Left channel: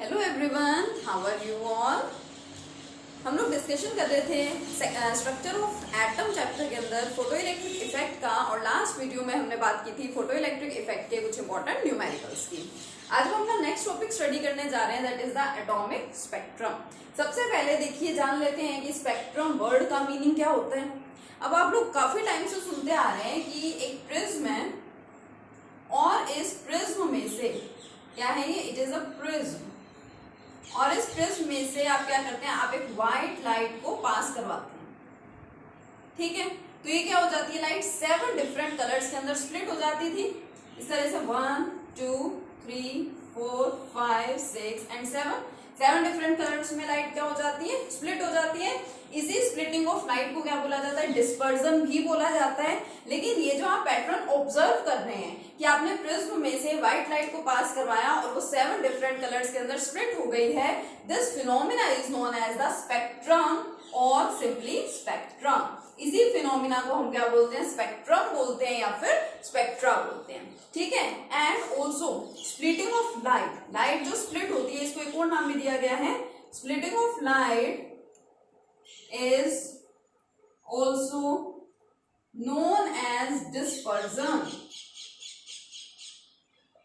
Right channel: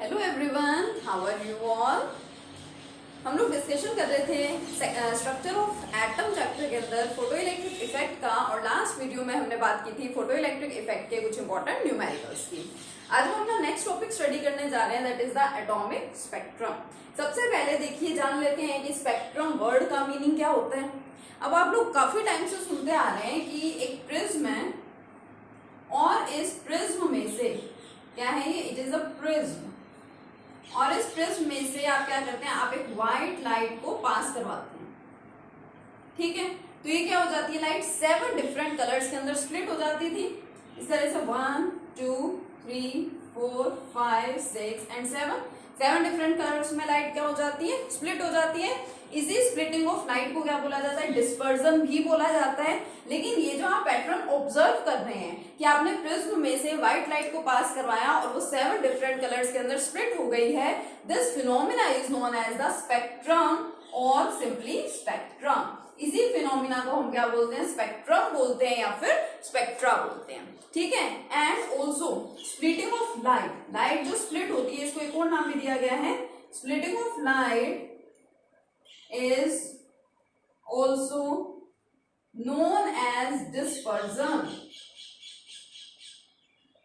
Hello everyone, how are you all. हम लोग discussion कर रहे थे स्ट्रक्चर ऑफ एटम चैप्टर के अंदर फोटो इलेक्ट्रिक इफेक्ट का, और लास्ट वीडियो में हमने बात की थी फोटो इलेक्ट्रिक इफेक्ट के कुछ इंपॉर्टेंट न्यूमेरिकल्स की। आज हम अपना नेक्स्ट टॉपिक स्टडी करने जा रहे हैं, that is the atomic spectrum. सबसे पहले देखिए, जान लेते हैं कि स्पेक्ट्रम वर्ड का मीनिंग क्या होता है। अब आप लोग काफी टाइम से सुनते आ रहे हैं कि एक प्रिज्म है और इस प्रिज्म में से क्या है, ये इट इज अ प्रिज्म, और इस प्रिज्म में से आप क्या करते हैं, आप एक व्हाइट लाइट को पास करवाते हैं। ठीक है, तो ये क्या हो जाती है, लाइट 7 डिफरेंट कलर्स के अंदर स्प्लिट हो जाती थी। इस तरह से 1 2 3 4 5 6 एंड 7 डिफरेंट कलर्स में लाइट क्या हो जाती है, स्प्लिट हो जाती है। इसी स्प्लिटिंग ऑफ लाइट को क्या बोला जाता है, डिस्पर्जन भी बोला जाता है। लेकिन ये जो आप पैटर्न ऑब्जर्व कर रहे हैं कि आपने प्रिज्म में से व्हाइट लाइट को पास करवाया और वो 7 डिफरेंट कलर्स के अंदर स्प्लिट हो गई है, this phenomena is known as the spectrum और सिंपली स्पेक्ट्रम। इसी फिनोमिना को हम क्या बोलते हैं, स्पेक्ट्रम बोलते हैं या फिर स्पेक्ट्रा बोलते हैं। ठीक है, and also splitting of light, light जो स्प्लिट होती है इसको एक और नाम भी दिया गया है, splitting of light is also known as dispersion।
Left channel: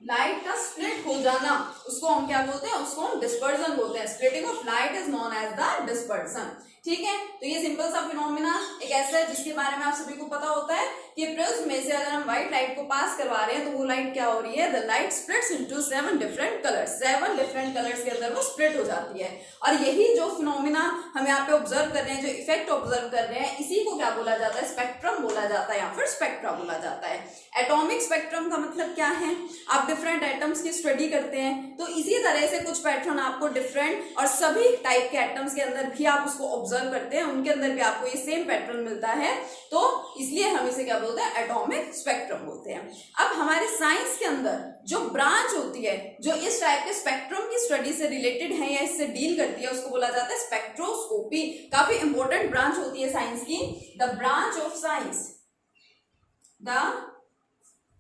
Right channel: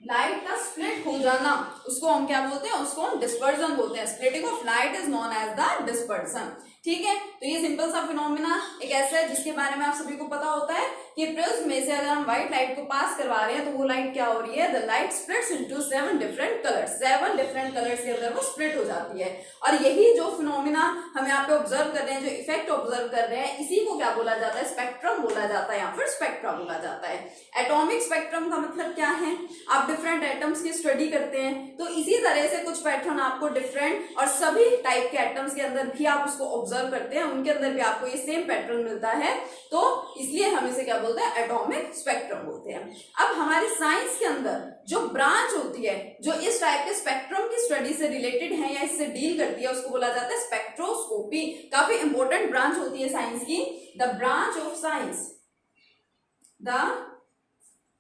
Light का स्प्लिट हो जाना उसको हम क्या बोलते हैं, उसको हम डिस्पर्जन बोलते हैं। Splitting of light is known as the dispersion. ठीक है, तो ये सिंपल सा फिनोमिना एक ऐसा है जिसके बारे में आप सभी को पता होता है कि प्रिज्म में से अगर हम व्हाइट लाइट को पास करवा रहे हैं तो वो लाइट क्या हो रही है, the light splits into 7 different colours. 7 different colours के अंदर वो स्प्लिट हो जाती है। और यही जो फिनोमिना हम यहाँ पे ऑब्जर्व कर रहे हैं, जो इफेक्ट ऑब्जर्व कर रहे हैं, इसी को क्या बोला जाता है, स्पेक्ट्रम बोला जाता है या फिर स्पेक्ट्रा बोला जाता है। एटॉमिक स्पेक्ट्रम का मतलब क्या है, आप डिफरेंट एटम्स की स्टडी करते हैं तो इसी तरह से कुछ पैटर्न आपको डिफरेंट और सभी टाइप के एटम्स के अंदर भी आप उसको ऑब्जर्व करते हैं, उनके अंदर भी आपको ये सेम पैटर्न मिलता है, तो इसलिए हम इसे क्या बोलते हैं, एटॉमिक स्पेक्ट्रम बोलते हैं। अब हमारे साइंस के अंदर जो ब्रांच होती है जो इस टाइप के स्पेक्ट्रम की स्टडी से रिलेटेड है या इससे डील करती है, उसको बोला जाता है स्पेक्ट्रोस्कोपी। काफी इंपॉर्टेंट ब्रांच होती है साइंस की। The branch of science, the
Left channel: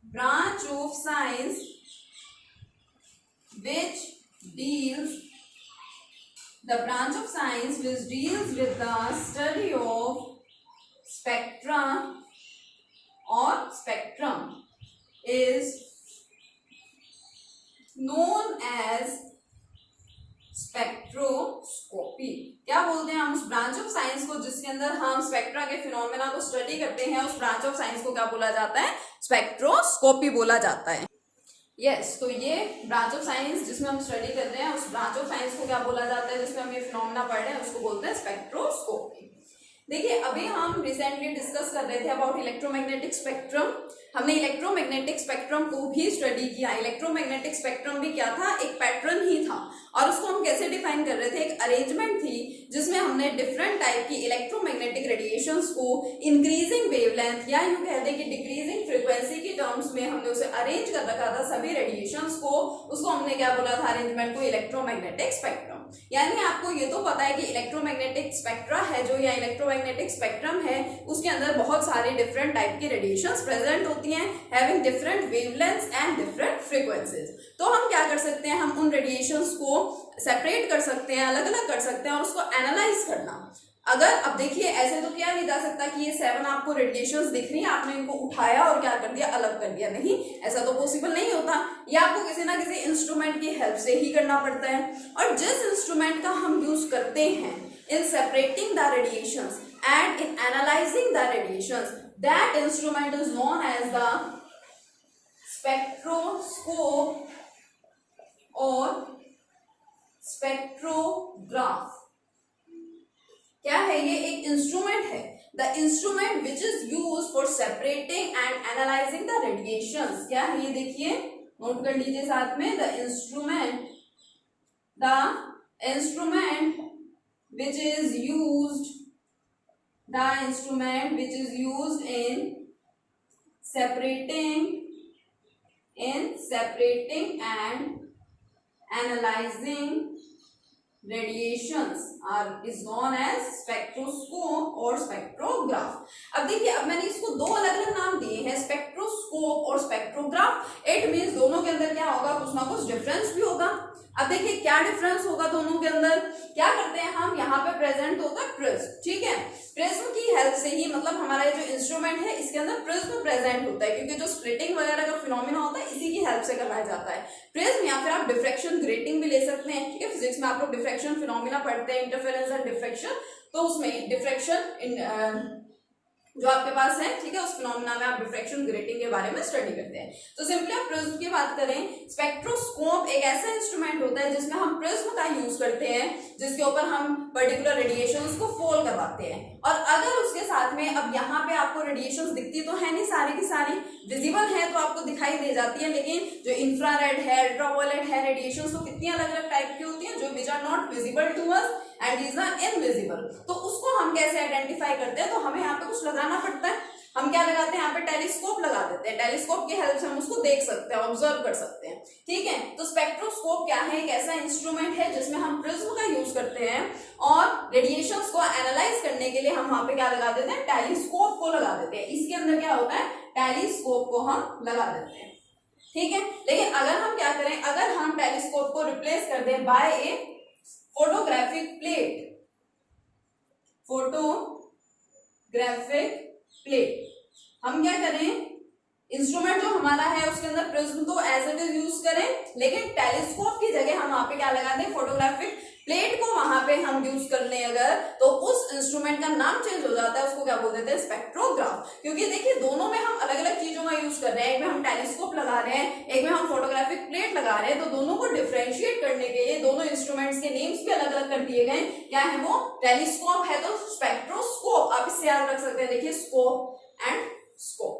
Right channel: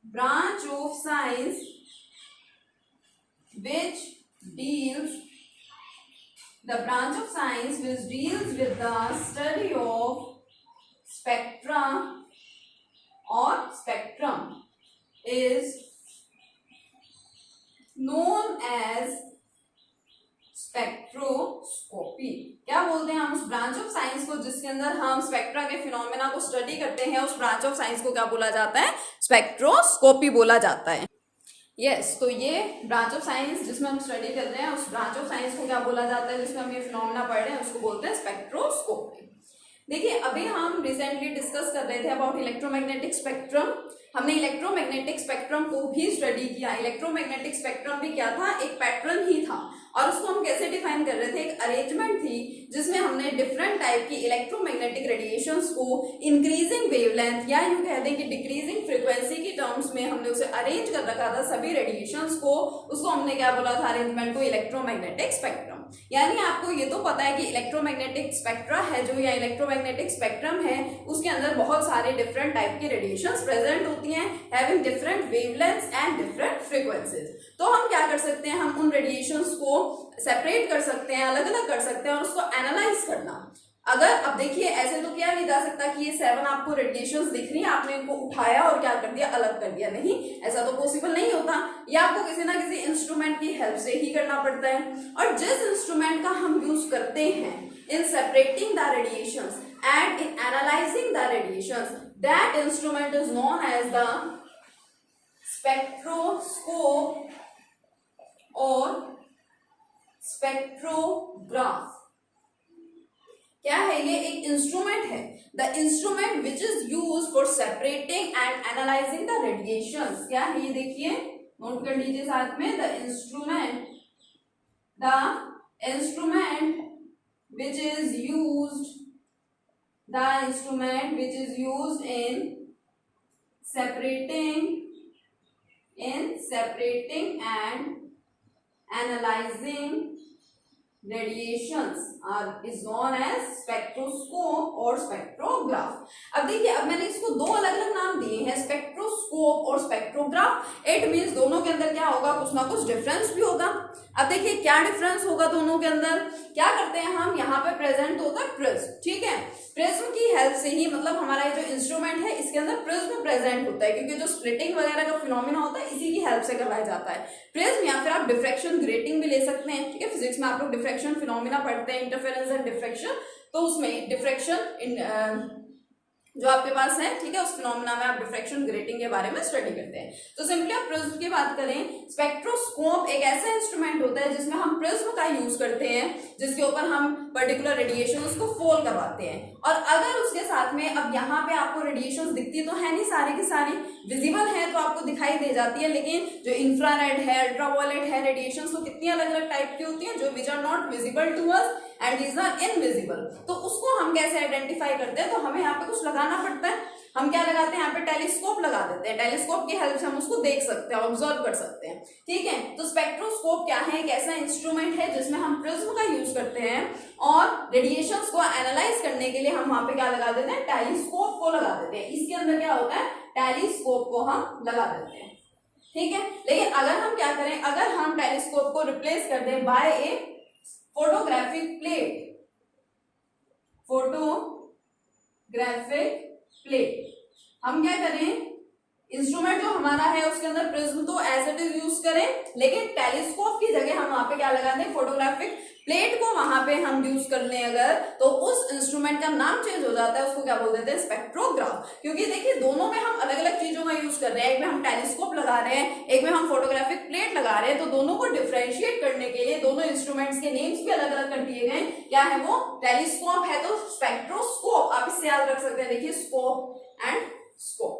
branch of science which deals with the study of spectra or spectrum is known as spectroscopy. क्या बोलते हैं हम उस ब्रांच ऑफ साइंस को जिसके अंदर हम स्पेक्ट्रा के फिनोमेना को स्टडी करते हैं, उस ब्रांच ऑफ साइंस को क्या बोला जाता है, स्पेक्ट्रोस्कोपी बोला जाता है। यस, तो ये ब्रांच ऑफ साइंस जिसमें हम स्टडी कर रहे हैं, उस ब्रांच ऑफ साइंस को क्या बोला जाता है, जिसमें हम ये फिनोमेना पढ़ रहे हैं, उसको बोलते हैं स्पेक्ट्रोस्कोपी। देखिए, अभी हम रिसेंटली डिस्कस कर रहे थे अबाउट इलेक्ट्रोमैग्नेटिक स्पेक्ट्रम। हमने इलेक्ट्रोमैग्नेटिक स्पेक्ट्रम को भी स्टडी किया। इलेक्ट्रोमैग्नेटिक स्पेक्ट्रम भी क्या था, एक पैटर्न ही था, और उसको हम कैसे डिफाइन कर रहे थे, एक अरेंजमेंट थी जिसमें हमने डिफरेंट टाइप की इलेक्ट्रोमैग्नेटिक रेडिएशंस को इंक्रीजिंग वेवलेंथ या यूं कह दें कि डिक्रीजिंग फ्रीक्वेंसी की टर्म्स में हमने उसे अरेंज कर रखा था, सभी रेडिएशंस को। उसको हमने क्या बोला था, अरेंजमेंट को इलेक्ट्रोमैग्नेटिक स्पेक्ट्रम। यानी आपको ये तो पता है कि इलेक्ट्रोमैग्नेटिक स्पेक्ट्रा है जो, या इलेक्ट्रोमैग्नेटिक स्पेक्ट्रम है, उसके अंदर बहुत सारे डिफरेंट टाइप की रेडिएशंस प्रेजेंट होती हैं, having different wavelengths and different frequencies. तो हम क्या कर सकते हैं, हम उन रेडिएशंस को सेपरेट कर सकते हैं, अलग अलग कर सकते हैं और उसको एनालाइज करना। अगर अब देखिए, ऐसे तो क्या नहीं जा सकता कि ये 7 आपको रेडिएशंस दिख रही हैं, आपने इनको उठाया और क्या कर दिया, अलग कर दिया। नहीं, ऐसा तो पॉसिबल नहीं होता। ये आपको किसी ना किसी इंस्ट्रूमेंट की हेल्प से ही करना पड़ता है। और जिस इंस्ट्रूमेंट का हम यूज करते हैं in separating the radiations and in analysing the radiations, that instrument is known as the spectroscope और स्पेक्ट्रोग्राफ। क्या है ये, एक इंस्ट्रूमेंट है, the instrument which is use for separating and analysing the radiations. क्या है ये, देखिए, नोट कर लीजिए साथ में, the instrument which is used in separating and analyzing radiations is known as spectroscope और spectrograph। अब देखिए, अब मैंने इसको दो अलग अलग नाम दिए हैं, स्पेक्ट्रोस्कोप और स्पेक्ट्रोग्राफ। इट मींस दोनों के अंदर क्या होगा, कुछ ना कुछ डिफरेंस भी होगा। अब देखिए क्या डिफरेंस होगा दोनों के अंदर। क्या करते हैं हम, यहाँ पे प्रेजेंट होता है प्रिज्म, ठीक है। प्रिज्म की हेल्प से ही, मतलब हमारा जो इंस्ट्रूमेंट है इसके अंदर प्रिज्म प्रेजेंट होता है, क्योंकि जो स्प्लिटिंग वगैरह का फिनोमेना होता है इसी की हेल्प से करवाया जाता है प्रिज्म। या फिर आप डिफ्रैक्शन ग्रेटिंग भी ले सकते हैं, ठीक है। फिजिक्स में आप लोग डिफ्रैक्शन फिनोमेना पढ़ते हैं, इंटरफेरेंस एंड डिफ्रैक्शन, तो उसमें डिफ्रैक्शन जो आपके पास है, ठीक है, उस फिनोमेना में आप डिफ्रैक्शन ग्रेटिंग के बारे में स्टडी करते हैं। तो सिंपली आप प्रिज्म की बात करें, स्पेक्ट्रोस्कोप एक ऐसा इंस्ट्रूमेंट होता है जिसमें हम प्रिज्म का यूज करते हैं, जिसके ऊपर हम पर्टिकुलर रेडिएशंस को फॉल करवाते हैं। और अगर उसके साथ में, अब यहाँ पे आपको रेडिएशंस दिखती तो है नहीं, सारी की सारी विजिबल है तो आपको दिखाई दे जाती है, लेकिन जो इंफ्रारेड है, अल्ट्रावायलेट है, रेडिएशंस वो कितनी अलग अलग टाइप की होती है, जो which are not visible to us and these are invisible. तो उसको हम कैसे आइडेंटिफाई करते हैं, तो हमें यहाँ पे कुछ लगाना पड़ता है। हम क्या लगाते हैं, यहाँ पे टेलीस्कोप लगा देते हैं। टेलीस्कोप की हेल्प से हम उसको देख सकते हैं, ऑब्जर्व कर सकते हैं, ठीक है। तो स्पेक्ट्रोस्कोप क्या है, एक ऐसा इंस्ट्रूमेंट है जिसमें हम प्रिज्म का यूज करते हैं और रेडिएशंस को एनालाइज करने के लिए हम वहां पे क्या लगा देते हैं, टेलीस्कोप को लगा देते हैं। इसके अंदर क्या होता है, टेलीस्कोप को हम लगा देते हैं, ठीक है। लेकिन अगर हम क्या करें, अगर हम टेलीस्कोप को रिप्लेस कर दें बाय ए फोटोग्राफिक प्लेट, फोटोग्राफिक प्लेट, हम क्या करें, इंस्ट्रूमेंट जो हमारा है उसके अंदर प्रिज्म तो एज इट इज यूज करें, लेकिन टेलीस्कोप की जगह हम वहां पे क्या लगा दें, फोटोग्राफिक प्लेट को वहां पे हम यूज कर लें अगर, तो उस इंस्ट्रूमेंट का नाम चेंज हो जाता है, उसको क्या बोल देते हैं, स्पेक्ट्रोग्राफ। क्योंकि देखिए दोनों में हम अलग अलग चीजों का यूज कर रहे हैं, एक में हम टेलीस्कोप लगा रहे हैं, एक में हम फोटोग्राफिक प्लेट लगा रहे हैं, तो दोनों को डिफरेंशिएट करने के लिए दोनों इंस्ट्रूमेंट्स के नेम्स भी अलग अलग कर दिए गए। क्या है वो, टेलीस्कोप है तो स्पेक्ट्रोस्कोप, आप इससे याद रख सकते हैं, देखिए स्कोप एंड स्कोप।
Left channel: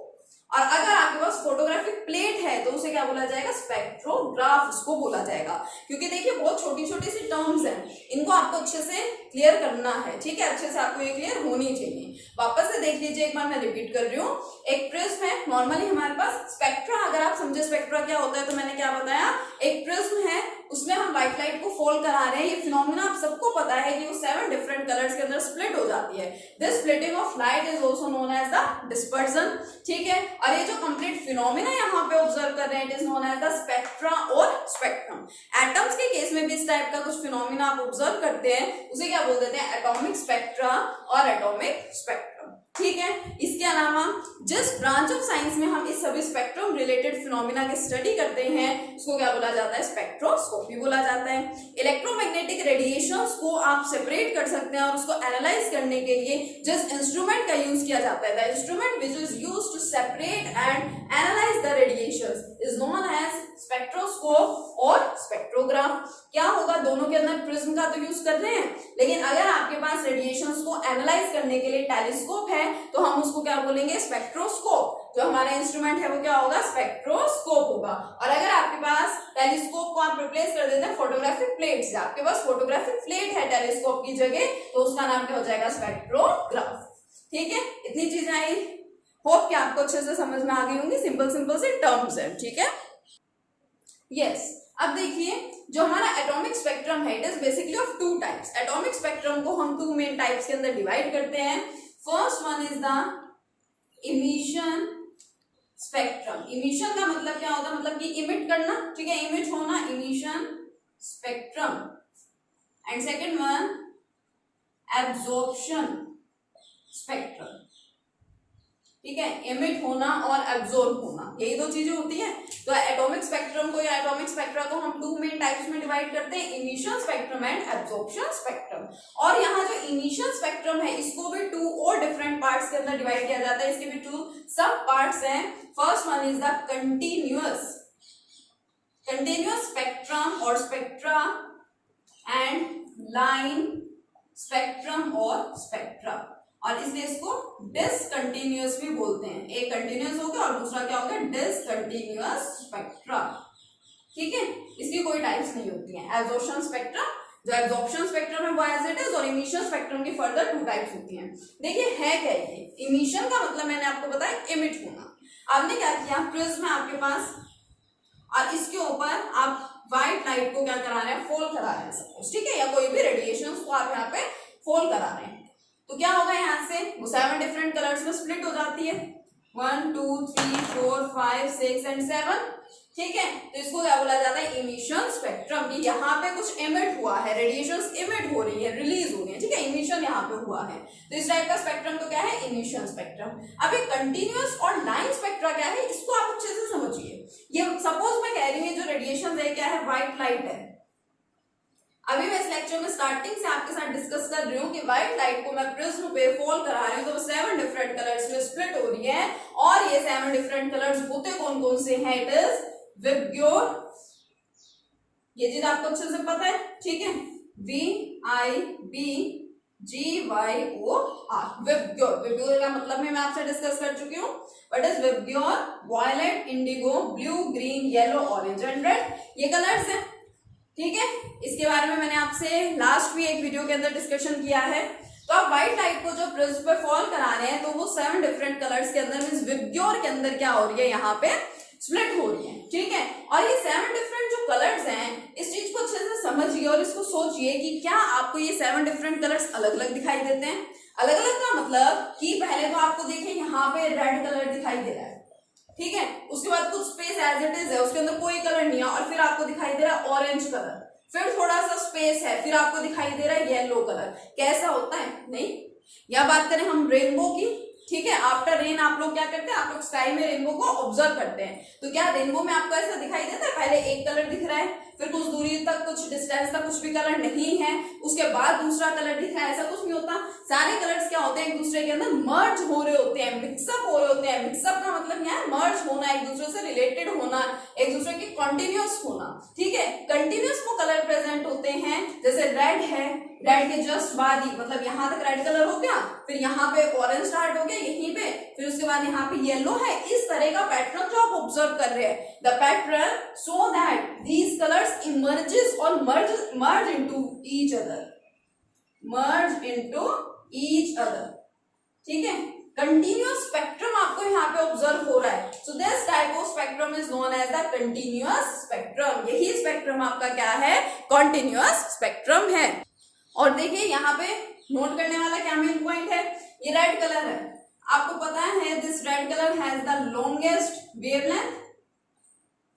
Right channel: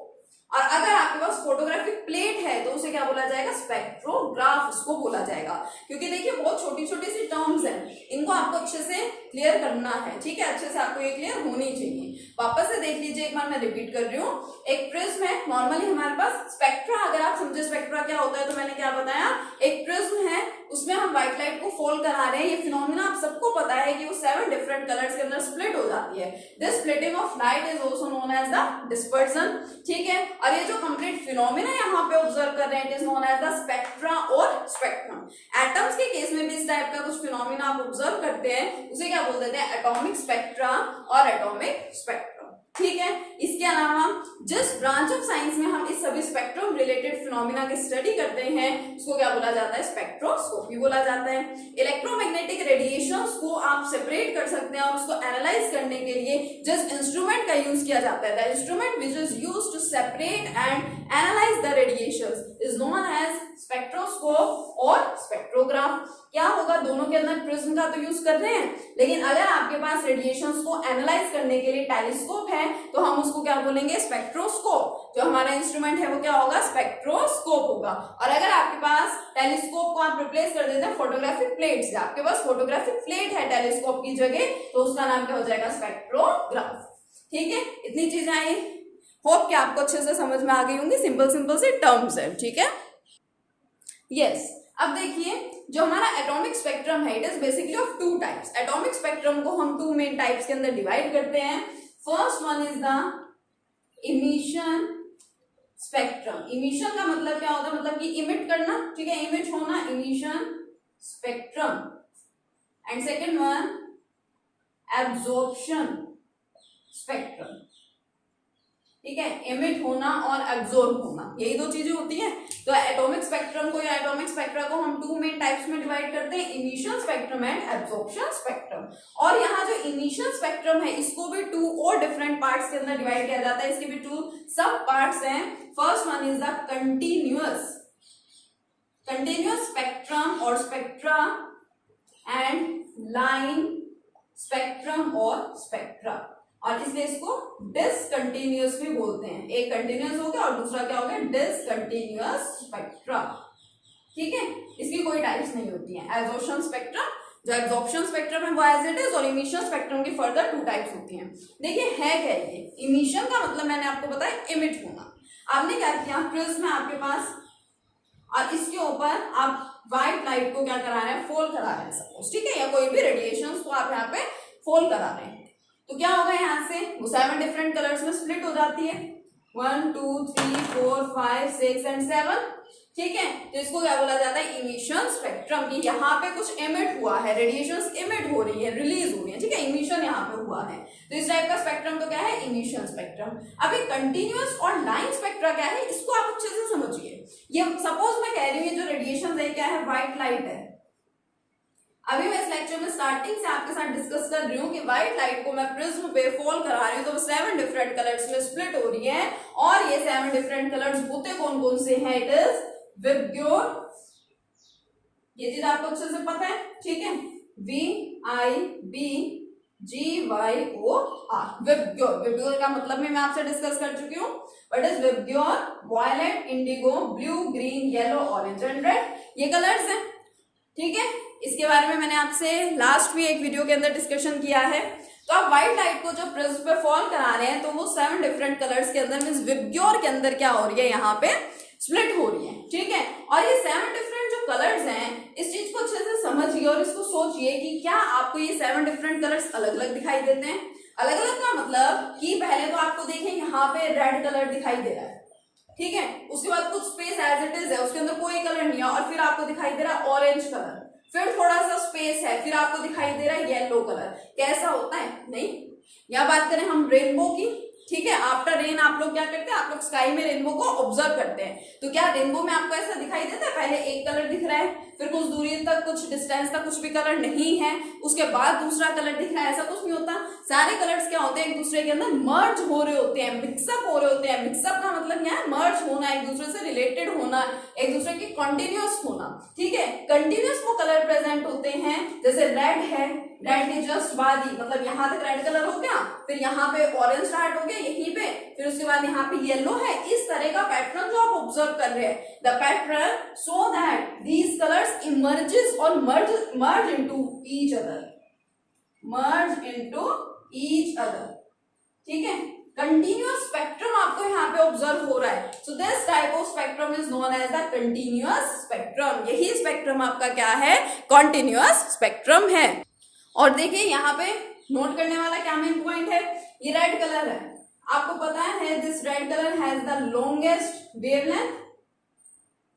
और अगर आपके पास फोटोग्राफिक प्लेट है तो उसे क्या बोला जाएगा, स्पेक्ट्रोग्राफ उसको बोला जाएगा। क्योंकि देखिए बहुत छोटी छोटी सी टर्म्स हैं, इनको आपको अच्छे से क्लियर करना है, ठीक है, अच्छे से आपको ये क्लियर होनी चाहिए। वापस से देख लीजिए एक बार, मैं रिपीट कर रही हूँ। एक प्रिज्म है, नॉर्मली हमारे पास स्पेक्ट्रा, अगर आप समझे स्पेक्ट्रा क्या होता है तो मैंने क्या बताया, एक प्रिज्म है उसमें हम व्हाइट लाइट को फॉल करा रहे हैं। ये फिनोमेना आप सबको पता है कि वो 7 डिफरेंट कलर्स के अंदर स्प्लिट हो जाती है। This splitting of light is also known as the dispersion, ठीक है। और ये जो कंप्लीट फिनोमेना यहाँ पे ऑब्जर्व कर रहे हैं, it is known as the spectra और स्पेक्ट्रम। एटम्स के केस में भी इस टाइप का कुछ फिनोमेना आप ऑब्जर्व करते हैं, उसे क्या बोल देते हैं, एटॉमिक स्पेक्ट्रा और एटॉमिक स्पेक्ट्रम, ठीक है। इसके अलावा जिस ब्रांच ऑफ साइंस में हम इस सभी स्पेक्ट्रम रिलेटेड फिनोमेना की स्टडी करते हैं उसको क्या बोला जाता है, स्पेक्ट्रोस्कोपी बोला जाता है। इलेक्ट्रोमैग्नेटिक रेडिएशंस को आप सेपरेट कर सकते हैं और उसको एनालाइज करने के लिए जिस इंस्ट्रूमेंट का यूज किया जाता है, the instrument which is used to separate and analyse the radiations is known as spectroscope और स्पेक्ट्रोग्राफ। क्या होगा, दोनों के अंदर प्रिज्म का तो यूज कर रहे हैं, लेकिन अगर आपके पास रेडिएशंस को एनालाइज करने के लिए टेलीस्कोप है तो हम उसको क्या बोलेंगे, स्पेक्ट्रोस्कोप। जो हमारा इंस्ट्रूमेंट है वो क्या होगा, स्पेक्ट्रोस्कोप होगा। और अगर आपके पास टेलीस्कोप को आप रिप्लेस कर देते हैं फोटोग्राफिक प्लेट से, आपके पास फोटोग्राफिक प्लेट है टेलीस्कोप की जगह, तो उसका नाम क्या हो जाएगा, स्पेक्ट्रोग्राफ, ठीक है। इतनी चीजें आई, होप कि आपको अच्छे से समझ में आ गई होंगी, सिंपल सिंपल से टर्म्स है, ठीक है। यस, अब देखिए जो हमारा एटॉमिक स्पेक्ट्रम है, it is basically of 2 types. Atomic spectrum को हम 2 मेन टाइप्स के अंदर डिवाइड करते हैं। First one is the emission spectrum. Emission का मतलब क्या होता है, मतलब कि इमिट करना, ठीक है, इमिट होना, emission spectrum. And second one absorption spectrum, ठीक है, इमिट होना और एब्जॉर्ब होना, यही 2 चीजें होती है। तो एटॉमिक स्पेक्ट्रम को या एटॉमिक स्पेक्ट्रा को हम 2 मेन टाइप्स में डिवाइड करते हैं, emission spectrum and absorption spectrum. और यहाँ जो इमिशन स्पेक्ट्रम है इसको भी 2 और डिफरेंट पार्ट्स के अंदर डिवाइड किया जाता है, इसके भी 2 सब पार्ट्स हैं। First one is the continuous spectrum और स्पेक्ट्रा एंड लाइन स्पेक्ट्रम और स्पेक्ट्रा, और इसलिए इसको डिसकंटिन्यूअस भी बोलते हैं। एक कंटिन्यूअस हो गया और दूसरा क्या हो गया, डिसकंटिन्यूअस स्पेक्ट्रा, ठीक है। इसकी कोई टाइप्स नहीं होती है। एब्जॉर्प्शन स्पेक्ट्रम, जो एब्जॉर्प्शन स्पेक्ट्रम है वो एज इट इज, और इमिशन स्पेक्ट्रम की फर्दर 2 टाइप्स होती हैं। देखिए है क्या ये, इमिशन का मतलब मैंने आपको बताया इमिट होना। आपने क्या किया, प्रिज्म है आपके पास और इसके ऊपर आप व्हाइट लाइट को क्या करा रहे हैं, फॉल करा रहे हैं सपोज, ठीक है, या कोई भी रेडिएशन को आप यहाँ पे फॉल करा रहे हैं, तो क्या होगा, यहाँ से वो 7 डिफरेंट कलर्स में स्प्लिट हो जाती है, 1 2 3 4 5 6 एंड 7, ठीक है। तो इसको क्या बोला जाता है, इमिशन रेडिएशन स्पेक्ट्रम की यहाँ पे कुछ इमिट हुआ है, रेडिएशन इमिट हो रही है, रिलीज हो रही है, ठीक है, इमिशन यहाँ पे हुआ है, तो इस टाइप का स्पेक्ट्रम तो क्या है, इमिशन स्पेक्ट्रम। अब ये कंटिन्यूअस और लाइन स्पेक्ट्रा क्या है, इसको आप अच्छे से समझिए। ये सपोज मैं कह रही हूँ जो रेडिएशन है क्या है, व्हाइट लाइट है। अभी मैं इस लेक्चर में स्टार्टिंग से आपके साथ डिस्कस कर रही हूँ कि व्हाइट लाइट को मैं प्रिज्म पे फॉल करा रही हूँ, तो वो 7 डिफरेंट कलर्स में स्प्लिट हो रही है, और ये 7 डिफरेंट कलर्स होते कौन कौन से हैं, इट इज विबग्योर, ये चीज आपको अच्छे से पता है, ठीक है, VIBGYOR, विबग्योर। विबग्योर का मतलब मैं आपसे डिस्कस कर चुकी हूँ, what is VIBGYOR, violet, indigo, blue, green, yellow, orange and red, ये कलर्स हैं, ठीक है। इसके बारे में मैंने आपसे लास्ट भी एक वीडियो के अंदर डिस्कशन किया है। तो आप व्हाइट लाइट को जो प्रिज्म पे फॉल करा रहे हैं, तो वो 7 डिफरेंट कलर्स के अंदर मींस विबग्योर के अंदर क्या हो रही है, यहाँ पे स्प्लिट हो रही है, ठीक है। और ये 7 डिफरेंट जो कलर्स हैं, इस चीज को अच्छे से समझिए और इसको सोचिए कि क्या आपको ये 7 डिफरेंट कलर्स अलग अलग दिखाई देते हैं। अलग अलग का मतलब कि पहले तो आपको देखें यहाँ पे रेड कलर दिखाई दे रहा है, ठीक है, उसके बाद कुछ स्पेस एज इट इज है, उसके अंदर कोई कलर नहीं है, और फिर आपको दिखाई दे रहा है ऑरेंज कलर, फिर थोड़ा सा स्पेस है, फिर आपको दिखाई दे रहा है येलो कलर। कैसा होता है, नहीं, या बात करें हम रेनबो की, ठीक है, आफ्टर रेन आप लोग क्या करते हैं, आप लोग स्काई में रेनबो को ऑब्जर्व करते हैं, तो क्या रेनबो में आपको ऐसा दिखाई देता है, पहले एक कलर दिख रहा है, फिर कुछ दूरी तक, कुछ डिस्टेंस तक कुछ भी कलर नहीं है, उसके बाद दूसरा कलर दिख रहा है, ऐसा कुछ नहीं होता। सारे कलर्स क्या होते हैं, एक दूसरे के अंदर मर्ज हो रहे होते हैं, मिक्सअप हो रहे होते हैं। मिक्सअप का मतलब क्या है, मर्ज होना, एक दूसरे से रिलेटेड होना, एक दूसरे के कंटिन्यूअस होना, ठीक है। कंटिन्यूअस वो कलर प्रेजेंट होते हैं, जैसे रेड है, रेड के जस्ट बाद ही मतलब यहाँ तक रेड कलर हो गया, फिर यहाँ पे ऑरेंज स्टार्ट हो गया यहीं पे, फिर उसके बाद यहाँ पे येलो है, इस तरह का पैटर्न जो आप ऑब्जर्व कर रहे हैं, the pattern so that these colours emerges और मर्ज इनटू ईच अदर, ठीक है। कंटिन्यूअस स्पेक्ट्रम आपको यहाँ पे ऑब्जर्व हो रहा है, so this type of spectrum is known as the continuous spectrum. यही स्पेक्ट्रम आपका क्या है, कंटिन्यूअस स्पेक्ट्रम है। और देखिए यहाँ पे नोट करने वाला क्या मेन पॉइंट है, ये रेड कलर है, आपको पता है this red colour has the longest wavelength,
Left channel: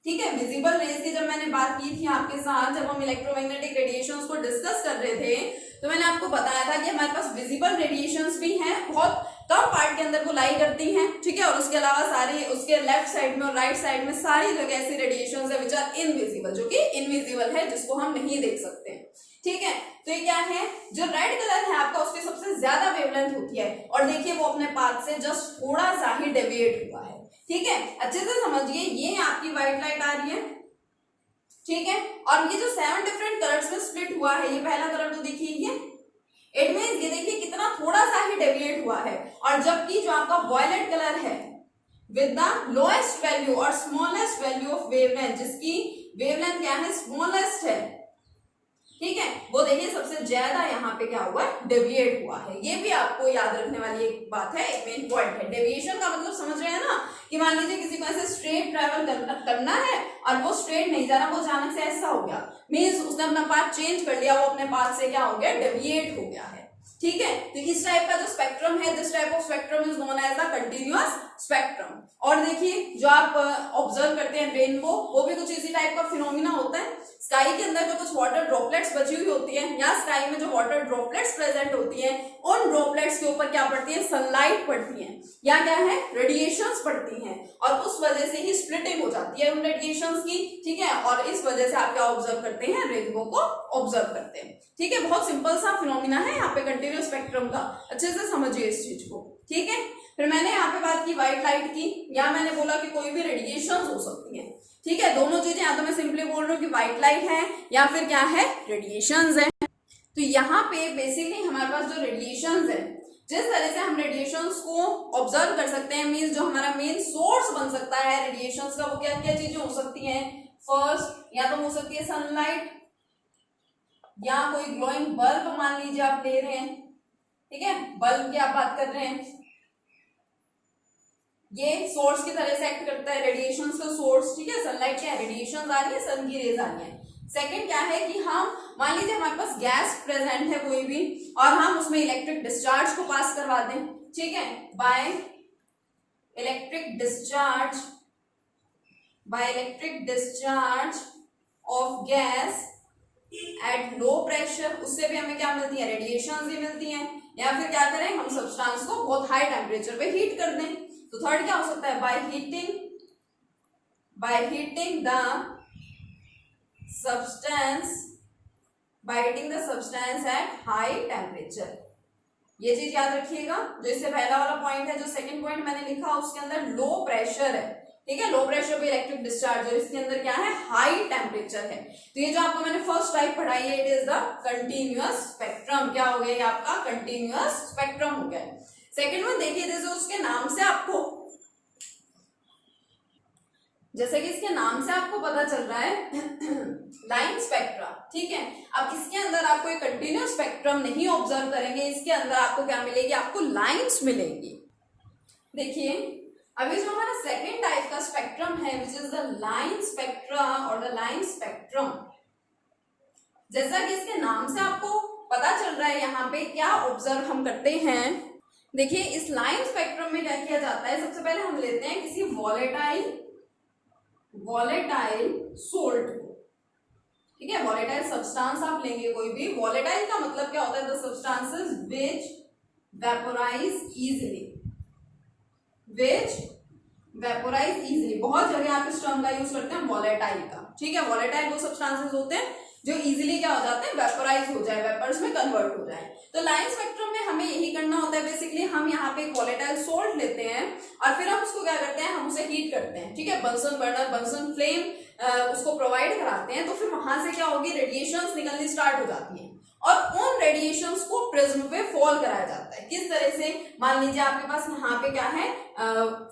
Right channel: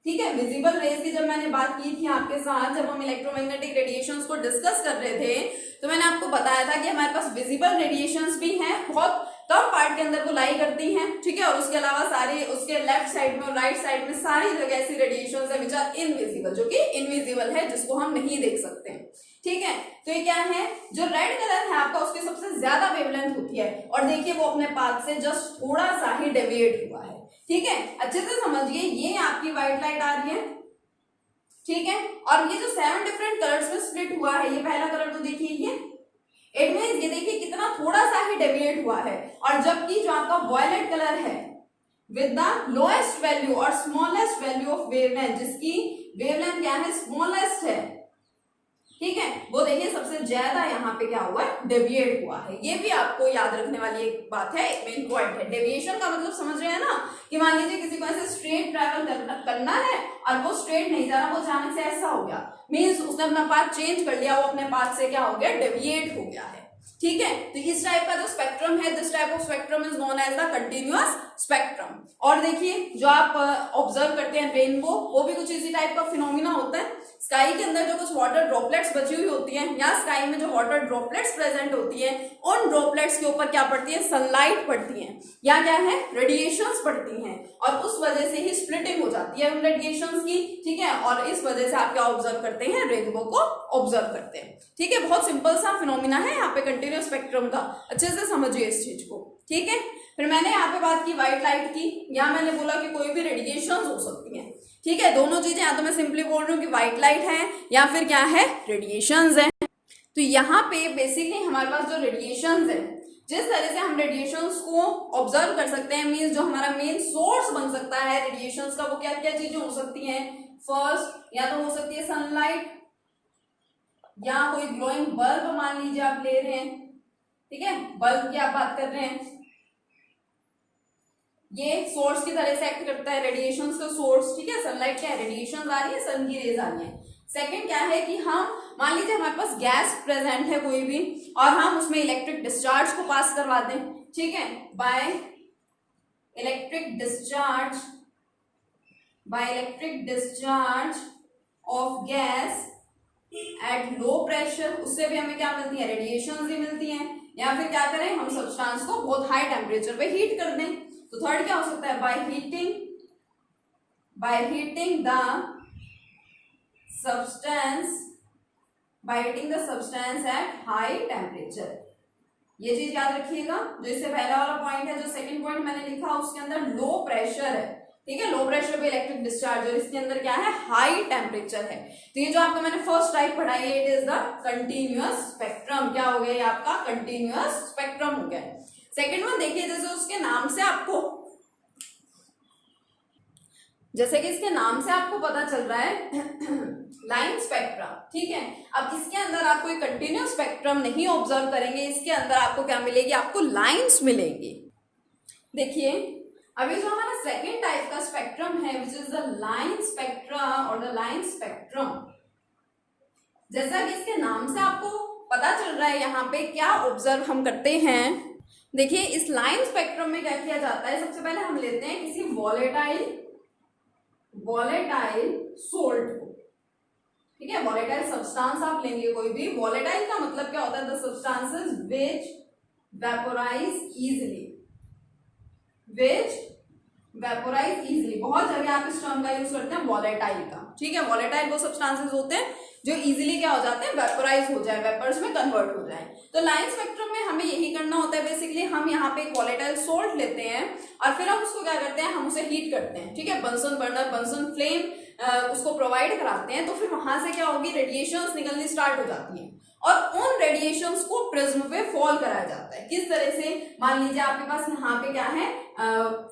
ठीक है। विजिबल रेज की जब मैंने बात की थी आपके साथ, जब हम इलेक्ट्रोमैग्नेटिक रेडिएशंस को डिस्कस कर रहे थे, तो मैंने आपको बताया था कि हमारे पास विजिबल रेडिएशंस भी हैं, बहुत कम पार्ट के अंदर को लाई करती हैं, ठीक है, और उसके अलावा सारी उसके लेफ्ट साइड में और राइट साइड में सारी जगह ऐसी रेडिएशंस है विच आर इनविजिबल, जो कि इनविजिबल है, जिसको हम नहीं देख सकते, ठीक है। तो ये क्या है, जो रेड कलर है आपका, उसकी सबसे ज्यादा वेवलेंथ होती है, और देखिए वो अपने पाथ से जस्ट थोड़ा सा ही डेविएट हुआ है, ठीक है। अच्छे से समझिए, ये आपकी व्हाइट लाइट आ रही है, ठीक है, और ये जो 7 डिफरेंट कलर्स में स्प्लिट हुआ है, ये पहला कलर तो देखिए ये, इट मींस ये देखिए कितना थोड़ा सा ही डेविएट हुआ है, और जबकि जो आपका वॉयलेट कलर है विद द लोएस्ट वैल्यू और स्मॉलेस्ट वैल्यू ऑफ वेवलेंथ, जिसकी वेवलेंथ क्या है, स्मॉलेस्ट है, ठीक है, वो देखिए सबसे ज्यादा यहाँ पे क्या हुआ है, डेविएट हुआ है। ये भी आपको याद रखने वाली एक बात है, एक मेन पॉइंट है। डेविएशन का मतलब समझ रहे हैं ना, कि मान लीजिए किसी को ऐसे स्ट्रेट ट्रैवल करना है और वो स्ट्रेट नहीं जा रहा, वो अचानक से ऐसा हो गया, मीन्स उसने अपना पाथ चेंज कर लिया, वो अपने पाथ से क्या हो गया, डेविएट हो गया है, ठीक है। तो इस टाइप का जो स्पेक्ट्रम है, this type of spectrum is known as the continuous spectrum. और देखिए जो आप ऑब्जर्व करते हैं रेनबो, वो भी कुछ इसी टाइप का फिनोमिना होता है। स्काई के अंदर जो कुछ वाटर ड्रॉपलेट्स बची हुई होती हैं, या स्काई में जो वाटर ड्रॉपलेट्स प्रेजेंट होती हैं, उन ड्रॉपलेट्स के ऊपर क्या पड़ती है, सनलाइट पड़ती है, या क्या है, रेडिएशंस पड़ती हैं, और उस वजह से ही स्प्लिटिंग हो जाती है उन रेडिएशंस की, ठीक है, और इस वजह से आप क्या ऑब्जर्व करते हैं, रेनबो को ऑब्जर्व करते हैं, ठीक है। बहुत सिंपल सा फिनोमिना है यहाँ पे कंटिन्यूअस स्पेक्ट्रम का, अच्छे से समझिए इस चीज को, ठीक है। फिर मैंने यहाँ पे बात की व्हाइट लाइट की, या मैंने बोला कि कोई भी रेडिएशंस हो सकती हैं, ठीक है, दोनों चीजें, या तो मैं सिंपली बोल रही हूँ कि व्हाइट लाइट है या फिर क्या है, रेडिएशंस है। तो यहाँ पे बेसिकली हमारे पास जो रेडिएशंस है, जिस तरह से हम रेडिएशंस को ऑब्जर्व कर सकते हैं, मींस जो हमारा मेन सोर्स बन सकता है रेडिएशंस का, वो क्या क्या चीजें हो सकती हैं, फर्स्ट या तो हो सकती है सनलाइट, या कोई ग्लोइंग बल्ब मान लीजिए आप ले रहे हैं, ठीक है, बल्ब की आप बात कर रहे हैं, ये सोर्स की तरह से एक्ट करता है, रेडिएशंस का सोर्स, ठीक है। सनलाइट क्या है, रेडिएशन आ रही है, सन की रेज आ रही है। सेकंड क्या है कि हम मान लीजिए हमारे पास गैस प्रेजेंट है कोई भी, और हम उसमें इलेक्ट्रिक डिस्चार्ज को पास करवा दें, ठीक है, by electric discharge of gas at low pressure, उससे भी हमें क्या मिलती है, रेडिएशन भी मिलती हैं। या फिर क्या करें, हम सब्सटेंस को बहुत हाई टेम्परेचर पे हीट कर दें। तो थर्ड क्या हो सकता है, by heating the substance at high temperature. ये चीज याद रखिएगा, जो इससे पहला वाला पॉइंट है, जो सेकंड पॉइंट मैंने लिखा उसके अंदर लो प्रेशर है, ठीक है, लो प्रेशर पे इलेक्ट्रिक डिस्चार्ज, और इसके अंदर क्या है, हाई टेम्परेचर है। तो ये जो आपको मैंने फर्स्ट टाइप पढ़ाई है, it is the continuous spectrum. क्या हो गया ये आपका कंटिन्यूअस स्पेक्ट्रम हो गया। सेकंड वन देखिए, जैसे उसके नाम से आपको, जैसे कि इसके नाम से आपको पता चल रहा है लाइन स्पेक्ट्रम, ठीक है। अब इसके अंदर आपको एक कंटिन्यूअस स्पेक्ट्रम नहीं ऑब्जर्व करेंगे, इसके अंदर आपको क्या मिलेगी, आपको लाइंस मिलेंगी। देखिए अभी जो हमारा सेकेंड टाइप का स्पेक्ट्रम है, which is the line spectra और द लाइन स्पेक्ट्रम, जैसा कि इसके नाम से आपको पता चल रहा है, यहाँ पे क्या ऑब्जर्व हम करते हैं। देखिए इस लाइन स्पेक्ट्रम में क्या किया जाता है, सबसे पहले हम लेते हैं किसी वॉलेटाइल सोल्ट को, ठीक है, वॉलेटाइल सब्सटेंस आप लेंगे कोई भी। वॉलेटाइल का मतलब क्या होता है, the substances which vaporise easily, बहुत जगह आप इस टर्म का यूज करते हैं वॉलेटाइल का, ठीक है। वॉलेटाइल वो सब्सटेंसेस होते हैं जो इजीली क्या हो जाते हैं, वेपोराइज हो जाए, वेपर्स में कन्वर्ट हो जाए। तो लाइन स्पेक्ट्रम में हमें यही करना होता है बेसिकली, हम यहाँ पे एक वॉलेटाइल सोल्ट लेते हैं और फिर हम उसको क्या करते हैं, हम उसे हीट करते हैं, ठीक है, बंसन बर्नर, बंसन फ्लेम उसको प्रोवाइड कराते हैं। तो फिर वहां से क्या होगी, रेडिएशंस निकलनी स्टार्ट हो जाती है और उन रेडिएशंस को प्रिज्म पे फॉल कराया जाता है। किस तरह से, मान लीजिए आपके पास यहाँ पे क्या है,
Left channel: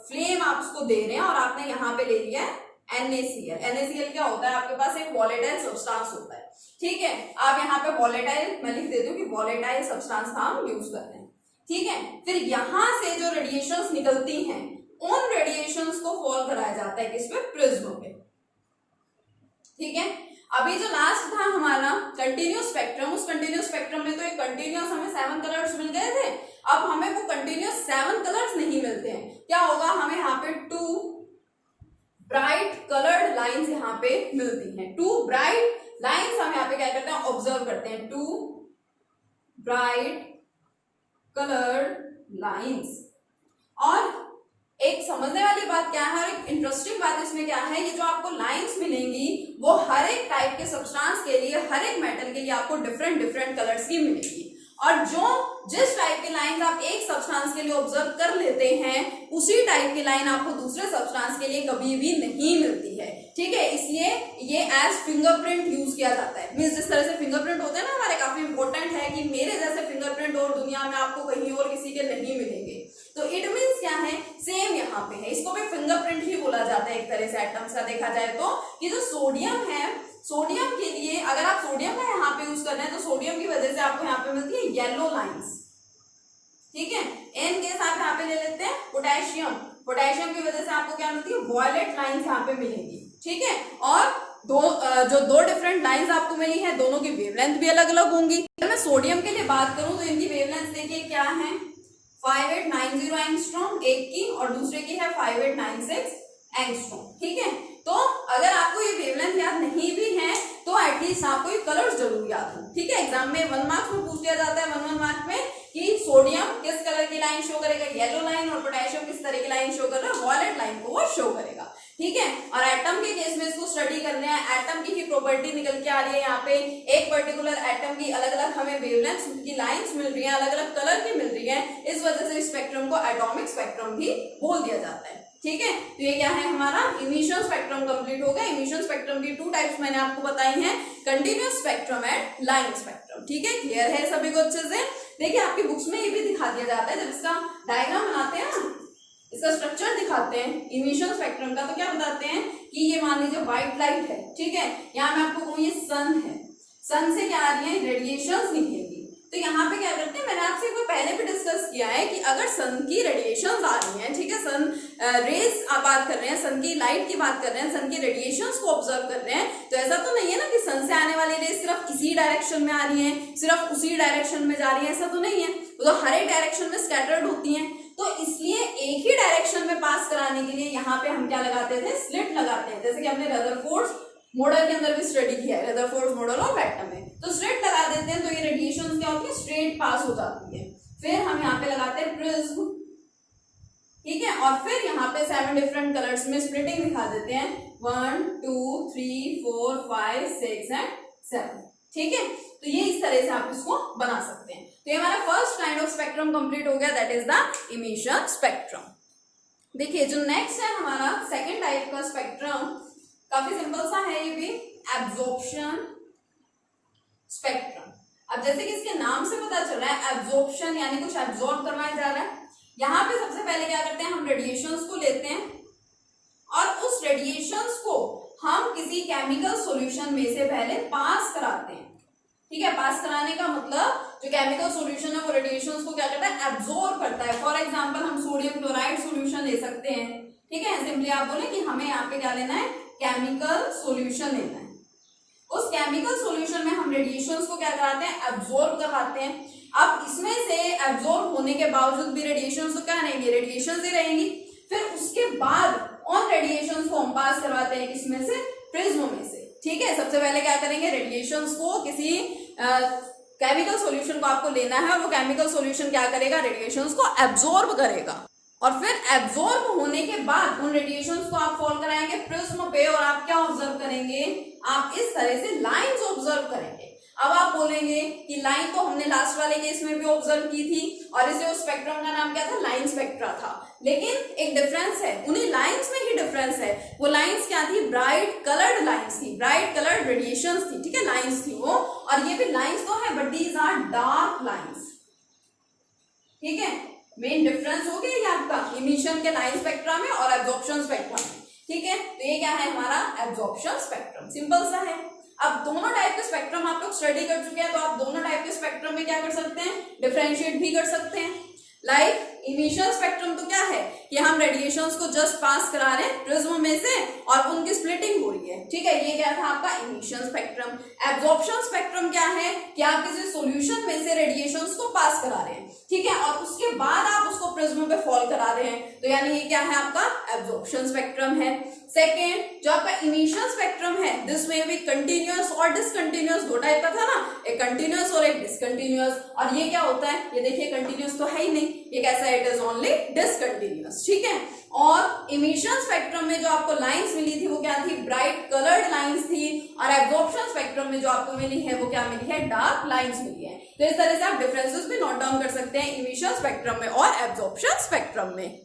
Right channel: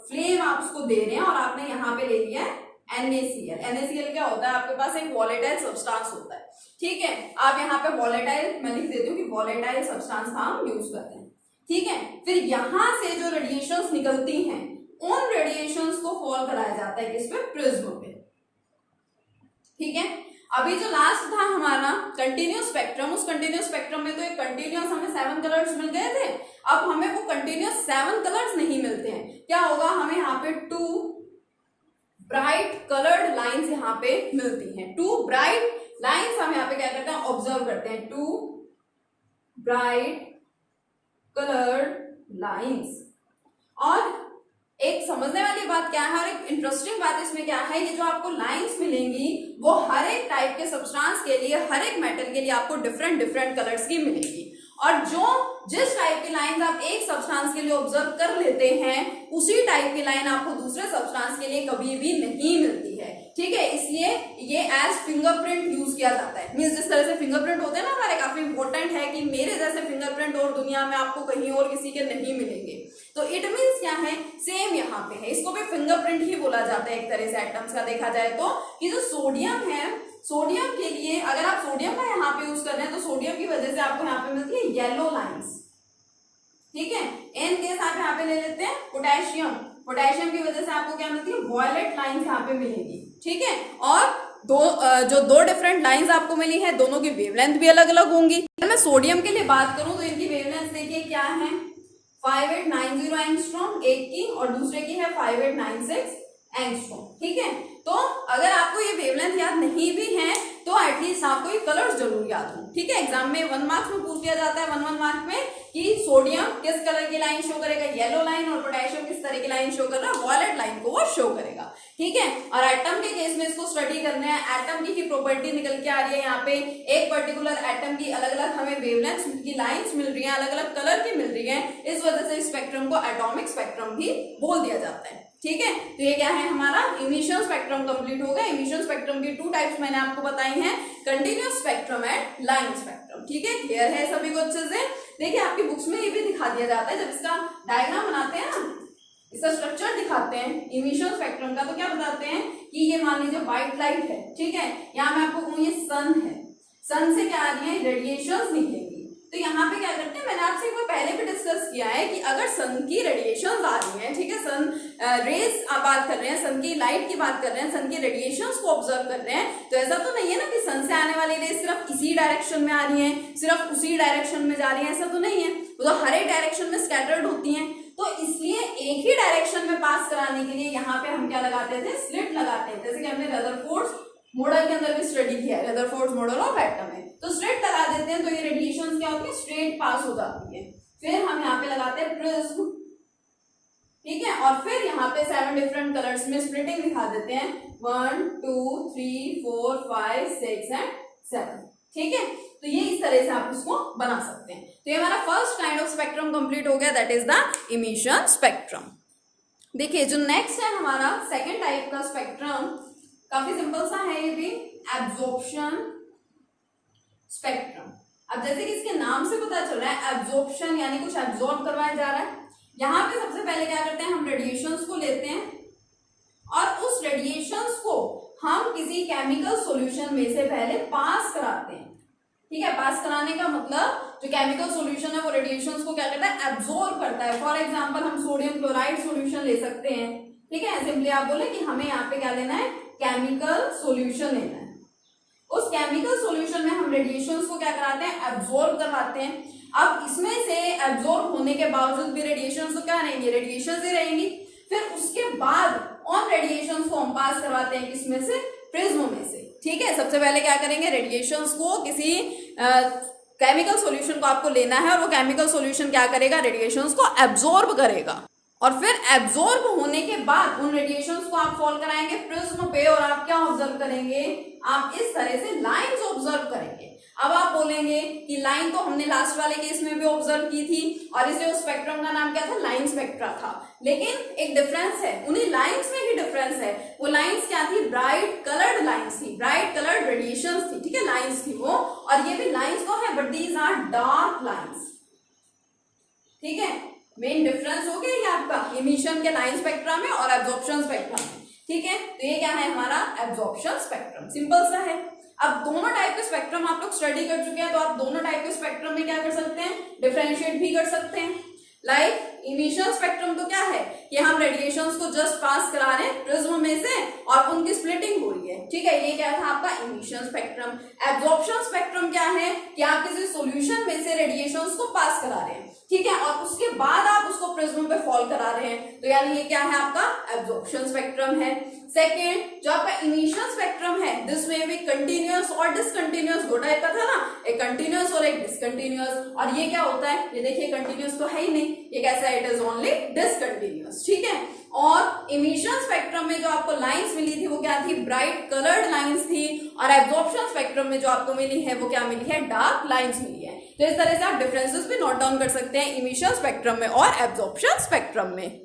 फ्लेम आप उसको दे रहे हैं और आपने यहाँ पे ले लिया है NaCl क्या होता है, आपके पास एक वॉलेटाइल सब्सटेंस होता है, ठीक है। आप यहाँ पे वॉलेटाइल, मैं लिख देती हूँ कि वॉलेटाइल सब्सटेंस हम यूज करते हैं, ठीक है। फिर यहाँ से जो रेडिएशंस निकलती हैं, उन रेडिएशंस को फॉल कराया जाता है किस पे, प्रिज्म पे, ठीक है। अभी जो लास्ट था हमारा कंटिन्यूअस स्पेक्ट्रम, उस कंटिन्यूअस स्पेक्ट्रम में तो एक कंटिन्यूअस हमें 7 कलर्स मिल गए थे। अब हमें वो कंटिन्यूअस 7 कलर्स नहीं मिलते हैं, क्या होगा, हमें यहाँ पे 2 ब्राइट कलर्ड लाइंस यहाँ पे मिलती हैं। 2 ब्राइट लाइंस हम यहाँ पे क्या करते हैं, ऑब्जर्व करते हैं, 2 ब्राइट कलर्ड लाइंस। और एक समझने वाली बात क्या है और एक इंटरेस्टिंग बात इसमें क्या है, ये जो आपको लाइंस मिलेंगी वो हर एक टाइप के सब्सटेंस के लिए, हर एक मेटल के लिए आपको डिफरेंट डिफरेंट कलर्स की मिलेगी। और जो जिस टाइप की लाइन आप एक सब्सटेंस के लिए ऑब्जर्व कर लेते हैं, उसी टाइप की लाइन आपको दूसरे सब्सटेंस के लिए कभी भी नहीं मिलती है, ठीक है। इसलिए ये एज फिंगरप्रिंट यूज किया जाता है। मींस जिस तरह से फिंगरप्रिंट होते हैं ना हमारे, काफी इंपॉर्टेंट है कि मेरे जैसे फिंगरप्रिंट और दुनिया में आपको कहीं और किसी के नहीं मिलेंगे। तो इट मीन्स क्या है, सेम यहाँ पे है, इसको भी फिंगरप्रिंट ही बोला जाता है एक तरह से एटम्स का देखा जाए तो। कि जो सोडियम है, सोडियम के लिए अगर आप सोडियम का यहाँ पे यूज कर रहे हैं तो सोडियम की वजह से आपको यहाँ पे मिलती है येलो लाइंस, ठीक है। एन केस आप यहाँ पे ले लेते हैं पोटेशियम, पोटेशियम की वजह से आपको क्या मिलती है, वॉयलेट लाइंस यहाँ पे मिलेंगी, ठीक है। और जो दो डिफरेंट लाइंस आपको मिली है, दोनों की वेवलेंथ भी अलग अलग होंगी। अगर मैं सोडियम के लिए बात करूं तो इनकी वेवलेंथ देखिए क्या है, 5890 एंगस्ट्रॉम एक की, और दूसरे की है 5896 एंगस्ट्रॉम, ठीक है। तो अगर आपको ये वेवलेंथ याद नहीं भी है तो एटलीस्ट आपको ये कलर्स जरूर याद हो, ठीक है। एग्जाम में 1 मार्क्स में पूछ लिया जाता है, 1 मार्क में, कि सोडियम किस कलर की लाइन शो करेगा, येलो लाइन, और पोटेशियम किस तरह की लाइन शो कर रहा है, वॉयलेट लाइन को वो शो करेगा, ठीक है। और एटम के केस में इसको स्टडी करने हैं, एटम की ही प्रॉपर्टी निकल के आ रही है यहाँ पे, एक पर्टिकुलर एटम की अलग अलग हमें वेवलेंथ की लाइंस मिल रही है, अलग अलग कलर की मिल रही है, इस वजह से स्पेक्ट्रम को एटॉमिक स्पेक्ट्रम भी बोल दिया जाता है, ठीक है। तो ये क्या है, हमारा इमिशन स्पेक्ट्रम कंप्लीट होगा। इमिशन स्पेक्ट्रम की 2 टाइप्स मैंने आपको बताई हैं, continuous spectrum and line spectrum, ठीक है। क्लियर है सभी को अच्छे से। देखिए आपकी बुक्स में ये भी दिखा दिया जाता है, जब इसका डायग्राम बनाते हैं ना, इसका स्ट्रक्चर दिखाते हैं इमिशन स्पेक्ट्रम का, तो क्या बताते हैं कि ये मान लीजिए व्हाइट लाइट है, ठीक है। यहाँ मैं आपको कहूँ ये सन है, सन से क्या आ रही है, रेडिएशंस निकलेंगी। तो यहाँ पे क्या करते हैं, मैंने आपसे एक बार पहले भी डिस्कस किया है कि अगर सन की रेडिएशंस आ रही हैं, ठीक है, सन रेज आप बात कर रहे हैं, सन की लाइट की बात कर रहे हैं, सन की रेडिएशंस को ऑब्जर्व कर रहे हैं, तो ऐसा तो नहीं है ना कि सन से आने वाली रेज सिर्फ इसी डायरेक्शन में आ रही है, सिर्फ उसी डायरेक्शन में जा रही है, ऐसा तो नहीं है, वो तो हर एक डायरेक्शन में स्कैटर्ड होती हैं। तो इसलिए एक ही डायरेक्शन में पास कराने के लिए यहाँ पे हम क्या लगाते थे, स्लिट लगाते हैं, जैसे कि हमने रदरफोर्ड मॉडल के अंदर भी स्टडी किया है, रदरफोर्ड मॉडल ऑफ एटम है। तो स्ट्रेट लगा देते हैं, तो ये रेडिएशन क्या होती है, स्ट्रेट पास हो जाती है। फिर हम यहाँ पे लगाते हैं प्रिज्म, ठीक है, और फिर यहाँ पे 7 डिफरेंट कलर्स में स्प्लिटिंग दिखा देते हैं, 1 2 3 4 5 6 एंड 7, ठीक है। तो ये इस तरह से आप इसको बना सकते हैं। तो ये हमारा first kind of spectrum complete हो गया, that is the emission spectrum. देखिए जो नेक्स्ट है हमारा सेकेंड टाइप का स्पेक्ट्रम, काफी सिंपल सा है ये भी, एब्जॉर्प्शन स्पेक्ट्रम। अब जैसे कि इसके नाम से पता चल रहा है, एब्जॉर्प्शन यानी कुछ एब्जॉर्ब करवाया जा रहा है। यहाँ पे सबसे पहले क्या करते हैं, हम रेडिएशंस को लेते हैं और उस रेडिएशंस को हम किसी केमिकल सॉल्यूशन में से पहले पास कराते हैं, ठीक है। पास कराने का मतलब जो केमिकल सॉल्यूशन है वो रेडिएशंस को क्या करता है, एब्जॉर्ब करता है। फॉर एग्जांपल हम सोडियम क्लोराइड सॉल्यूशन ले सकते हैं, ठीक है। सिंपली आप बोले कि हमें यहाँ पे क्या लेना है, केमिकल सॉल्यूशन लेना है। उस केमिकल सॉल्यूशन में हम रेडिएशंस को क्या कराते हैं, एब्जॉर्ब करवाते हैं। अब इसमें से एब्जॉर्ब होने के बावजूद भी रेडिएशंस तो क्या रहेंगी, रेडिएशंस ही रहेंगी। फिर उसके बाद ऑन रेडिएशंस को हम पास करवाते हैं किसमें से, प्रिज्म में से, ठीक है। सबसे पहले क्या करेंगे, रेडिएशंस को किसी केमिकल सॉल्यूशन को आपको लेना है, वो केमिकल सॉल्यूशन क्या करेगा, रेडिएशंस को एब्जॉर्ब करेगा और फिर एब्जॉर्ब होने के बाद उन रेडिएशंस को आप फॉल कराएंगे प्रिज्म पे और आप क्या ऑब्जर्व करेंगे, आप इस तरह से लाइंस ऑब्जर्व करेंगे। अब आप बोलेंगे कि लाइन तो हमने लास्ट वाले केस में भी ऑब्जर्व की थी और इसलिए उस स्पेक्ट्रम का नाम क्या था, लाइन स्पेक्ट्रा था। लेकिन एक डिफरेंस है, उन्हीं लाइंस में ही डिफरेंस है। वो लाइंस क्या थी, ब्राइट कलर्ड लाइंस थी, ब्राइट कलर्ड रेडिएशंस थी, ठीक है, लाइंस थी वो। और ये भी लाइंस तो है but these are dark lines, ठीक है। मेन डिफरेंस हो गया ये आपका इमिशन के लाइन स्पेक्ट्रम में और एब्जॉर्प्शन स्पेक्ट्रम में, ठीक है। तो ये क्या है हमारा एब्जॉर्प्शन स्पेक्ट्रम, सिंपल सा है। अब दोनों टाइप के स्पेक्ट्रम आप लोग स्टडी कर चुके हैं, तो आप दोनों टाइप के स्पेक्ट्रम में क्या कर सकते हैं, डिफरेंशिएट भी कर सकते हैं। लाइक इनिशियल स्पेक्ट्रम तो क्या है कि हम रेडिएशंस को जस्ट पास करा रहे हैं प्रिज्म में से और उनकी स्प्लिटिंग हो रही है, ठीक है। ये क्या था आपका इनिशियल स्पेक्ट्रम। एब्जॉर्प्शन स्पेक्ट्रम क्या है कि आप किसी सॉल्यूशन में से रेडिएशंस को पास करा रहे हैं, ठीक है, और उसके बाद आप उसको प्रिज्म पे फॉल करा रहे हैं, तो यानी ये क्या है आपका एब्जॉर्प्शन स्पेक्ट्रम है। सेकेंड जो आपका इनिशियल स्पेक्ट्रम है, दिस में भी कंटिन्यूअस और डिसकंटिन्यूअस दो टाइप का था ना, एक कंटिन्यूअस और एक डिसकंटिन्यूअस। और ये क्या होता है, ये देखिए कंटिन्यूअस तो है ही नहीं, ये कैसा है, इट इज ओनली डिसकंटिन्यूअस, ठीक है। और इमिशन स्पेक्ट्रम में जो आपको लाइंस मिली थी वो क्या थी, ब्राइट कलर्ड लाइंस थी। और एब्जॉर्प्शन स्पेक्ट्रम में जो आपको मिली है वो क्या मिली है, डार्क लाइंस मिली है। तो इस तरह से आप डिफरेंसेस भी नोट डाउन कर सकते हैं इमिशन स्पेक्ट्रम में और एब्जॉर्प्शन स्पेक्ट्रम में।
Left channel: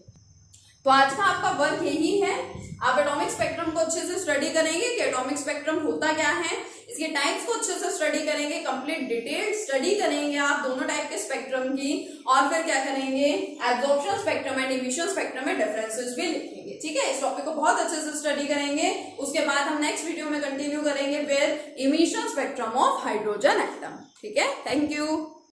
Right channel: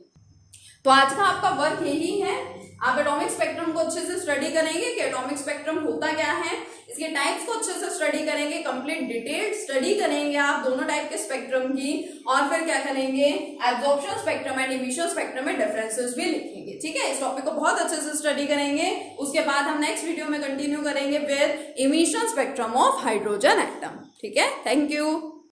तो आज का आपका वर्क यही है, आप एटॉमिक स्पेक्ट्रम को अच्छे से स्टडी करेंगे कि एटॉमिक स्पेक्ट्रम होता क्या है, इसके टाइप्स को अच्छे से स्टडी करेंगे, कंप्लीट डिटेल्ड स्टडी करेंगे आप दोनों टाइप के स्पेक्ट्रम की, और फिर क्या करेंगे, absorption spectrum and emission spectrum में डिफरेंसेस भी लिखेंगे, ठीक है। इस टॉपिक को बहुत अच्छे से स्टडी करेंगे। उसके बाद हम नेक्स्ट वीडियो में कंटिन्यू करेंगे with emission spectrum of hydrogen atom, ठीक है। Thank you.